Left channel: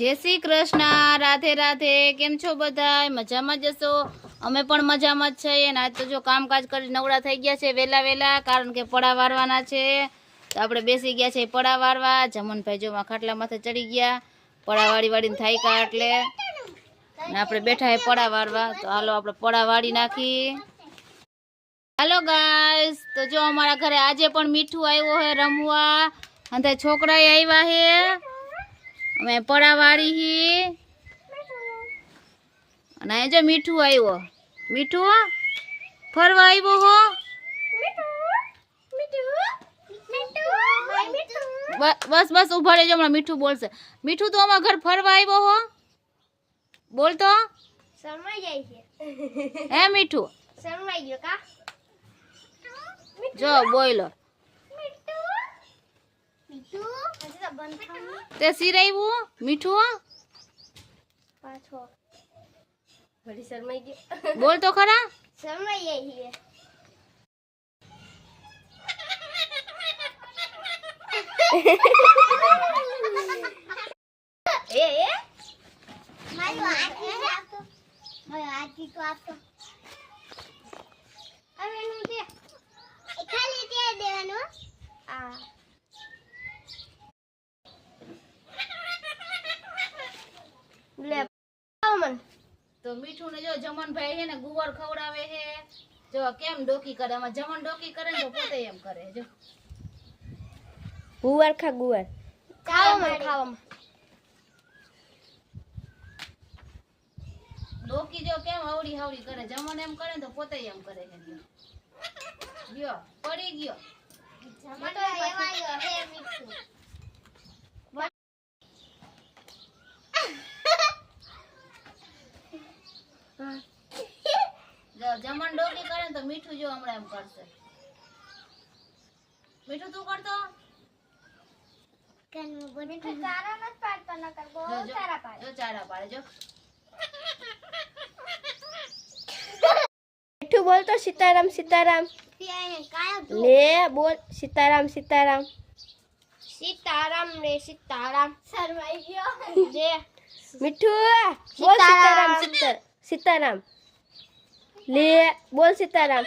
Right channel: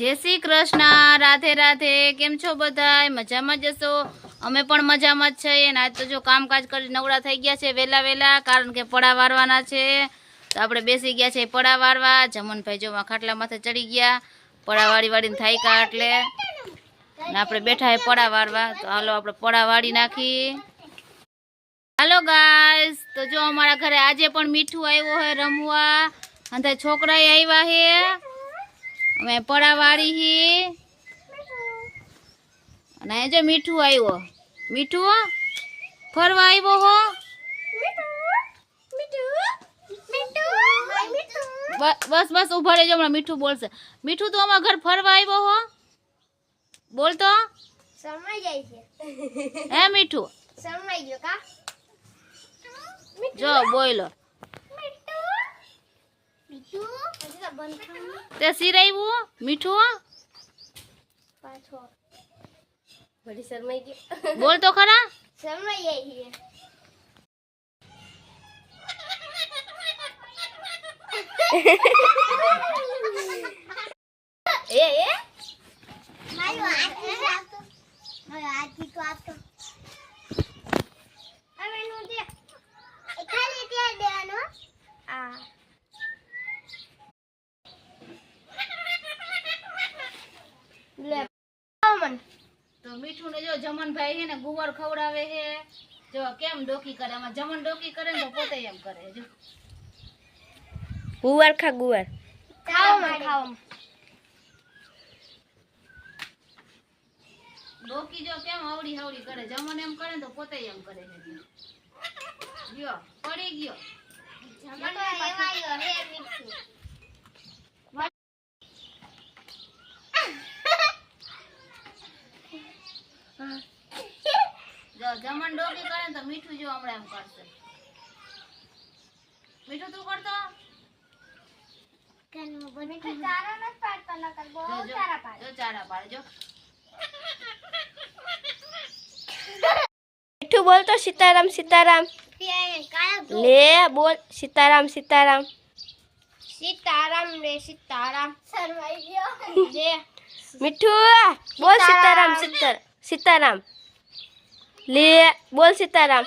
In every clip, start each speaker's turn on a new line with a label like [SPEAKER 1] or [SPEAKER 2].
[SPEAKER 1] જય શ્રી કૃષ્ણ, રાધે રાધે, કેમ છો બધા મજામાં જશો અમે પણ મજામાં જ છીએ અને આજ તો જો કામકાજ કરી નવડા થઈ ગયા છે વહેલા વહેલા કારણ કે પડા વારવાના છે. તો આપણે બેસી ગયા છે પડા વારવા. જમનભાઈ જોવા ખાટલા માથે ચડી ગયા. પડા વાળી વાળીને થાયકા એટલે. ને આપણે બેઠા હે પડા વારવા. તો હાલો આપણે પડા વાળી નાખી. હાલો ગાઈસ, તો જો અમારા ઘરે આજે પણ મીઠું આવ્યો હે રમવા. અને છોકરાએ આવ્યા હે. અમે પડા વાળી હી. અને જો મીઠું આવ્યો. મીઠું ફરવા આવ્યો હો? બસ બસ ઊભા રહેજો હમણાં મીઠું બોલશે. મીઠું તો અમારા ઘર ફરવા આવ્યો હો? બોલ તો હે મીઠું? જો બોલો
[SPEAKER 2] બીજું હજી તો
[SPEAKER 1] તે સિરાવ્યું મીઠું?
[SPEAKER 2] પાછો. બડી શરમાઈ ગયો
[SPEAKER 1] બોલ તો ખરા.
[SPEAKER 2] શરમાઈ ગઈ છે એ એ? મારો આજી આપતો. મારો આજી તો આપતો હવે નું દે એ ખાલી ત્યાં દેવાનો આ લે મન
[SPEAKER 1] તો મીઠું ને જો જમનભાઈ છે ને ગુવાર ખવડાવે છે. જો કેમ ડોકી કરે? આમાં જમન ડોકી કરે ને તો પોતે એમ કરે જો.
[SPEAKER 2] ગુવાર ખા ગુવાર. ખાઓ મન ખાઓ.
[SPEAKER 1] ડોકી જો કેમ આવડી આવડી કરે? જમન એમ કરે ને તો પોતે એમ કરે છે. ગયો પડી ગયો. જો ડોકી કરે તો મીઠું જો હમણાં એમ કરશે. મીઠું તું કરતો?
[SPEAKER 2] ચારા નથી પાડતા નકર બહુ. ચારા પાડે.
[SPEAKER 1] જો ચારા પાડે જો.
[SPEAKER 3] મીઠું બોલતો સીતારામ સીતારામ. લે બોલ સીતારામ સીતારામ.
[SPEAKER 2] સીતારામ રે સીતારામ. શરમાઈ ગયો. જે
[SPEAKER 3] મીઠું બોલ સીતારામ. સીતાર સીતારામ. લે બોલ સીતારામ.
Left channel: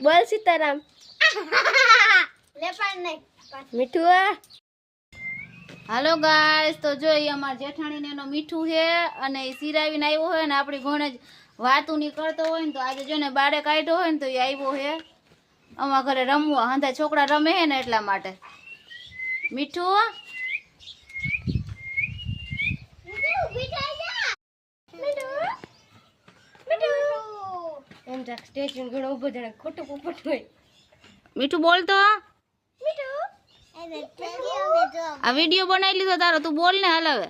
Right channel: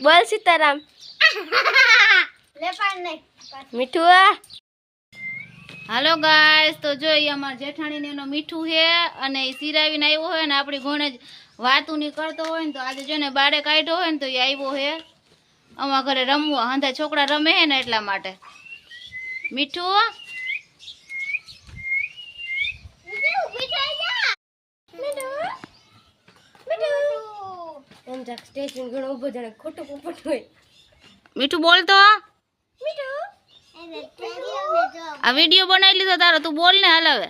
[SPEAKER 3] બોલ સીતારામ.
[SPEAKER 2] લે પણ નહીં.
[SPEAKER 3] મીઠું
[SPEAKER 1] હાલો ગાઈસ તો જો એ અમારા જેઠાણીને એનો મીઠું છે અને એ સિરાવીને આવ્યો હોય ને આપણી ઘોણે જ વાતું ની કરતો હોય ને તો આજે જો ને બારે કાઢ્યો હોય ને તો એ આવ્યો છે. અમારા ઘરે રમવા હંધા છોકરા રમે છે ને એટલા માટે. મીઠું
[SPEAKER 2] ઊભી થઈ જા મીઠું મીઠું
[SPEAKER 3] એમ જા સ્ટેજ ઘણો ઊભો જાણે ખોટું પોપટ હોય
[SPEAKER 1] મીઠું બોલતો
[SPEAKER 2] મીઠું એ બેઠા મે જો
[SPEAKER 1] આ વીડિયો બનાવી લીધો તારો તું બોલ ને હાલ હવે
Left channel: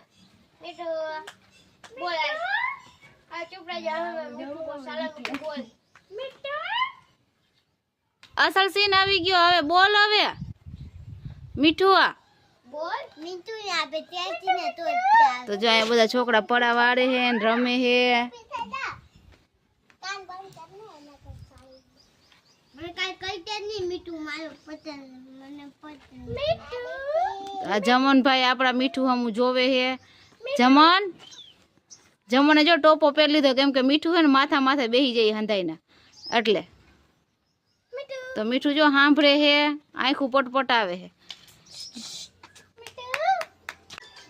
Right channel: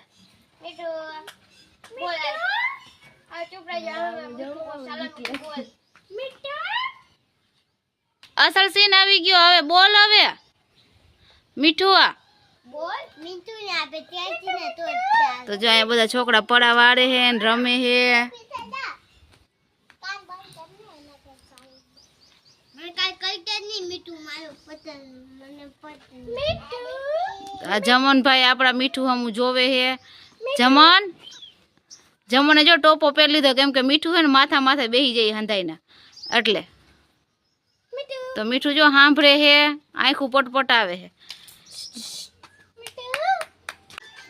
[SPEAKER 2] મીઠું બોલ આ ચૂપ રહી જા હવે મીઠું બોલ સાલા મીઠું બોલ મીઠું
[SPEAKER 1] અસલ સીન આવી ગયો હવે બોલ હવે મીઠું આ
[SPEAKER 2] બોલ મીઠું ને આપે ત્યાંથી ને તો
[SPEAKER 1] તો જો અહીંયા બધા છોકરા પડા વાળે છે ને રમે છે આ જમનભાઈ આપણા મીઠું હમું જોવે હે. જમન? જમણે જો ટોપો પહેરી લીધો કેમ કે મીઠું હે ને માથા માથે બેસી જાય હંધાઈને. એટલે. તો મીઠું જો સાંભળે હે આંખું પટપટાવે છે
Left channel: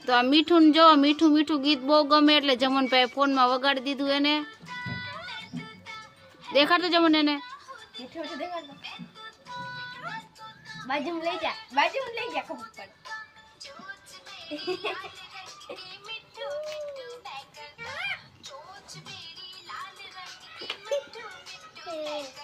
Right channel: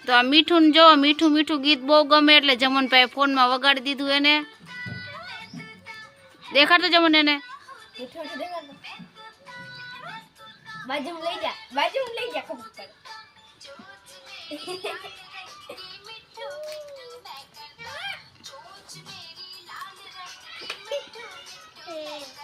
[SPEAKER 1] તો આ મીઠું જો મીઠું મીઠું ગીત બહુ ગમે એટલે જમનભાઈ ફોનમાં વગાડી દીધું એને. દેખાડતો જમન એને.
[SPEAKER 3] મીઠું મીઠું દેખાડો બાજુ લઈ જા બાજુ લઈ જા ખબર પડે Hey.